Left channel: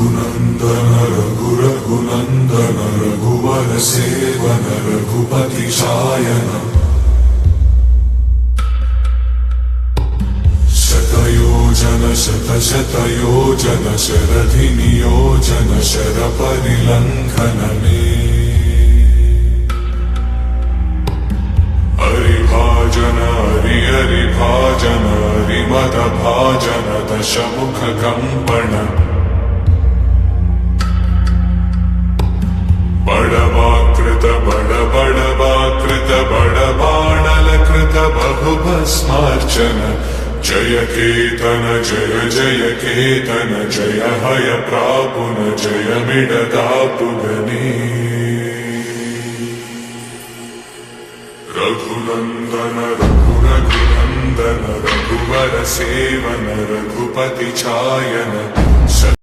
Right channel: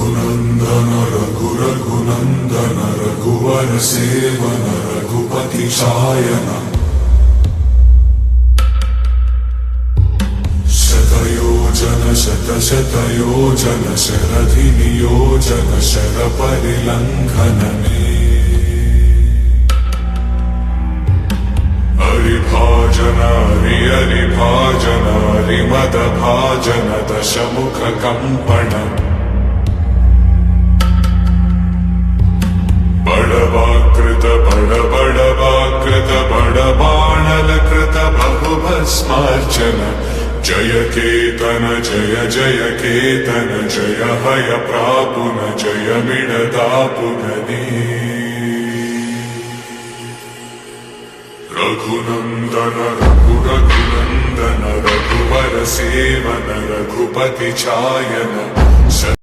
रघुनन्दन रघुनन्दन रघुवर सेवन रघुपति शायन शतयोजन शतशतयोजन शरधि नियोजन शरपरिलङ्घनने हरिभाजन हरिभाजन हरिमदभाजन दशमुख कम्पण बड़वाकृत बड़वाकृत बड़बाणलकृत बहुभस्मार्चन जय केतन जय जय केतन जय हय प्रापुन जय मिडदापुगने रघुनन्दन रघुनन्दन रघुवर सेवन रघुपति चायन।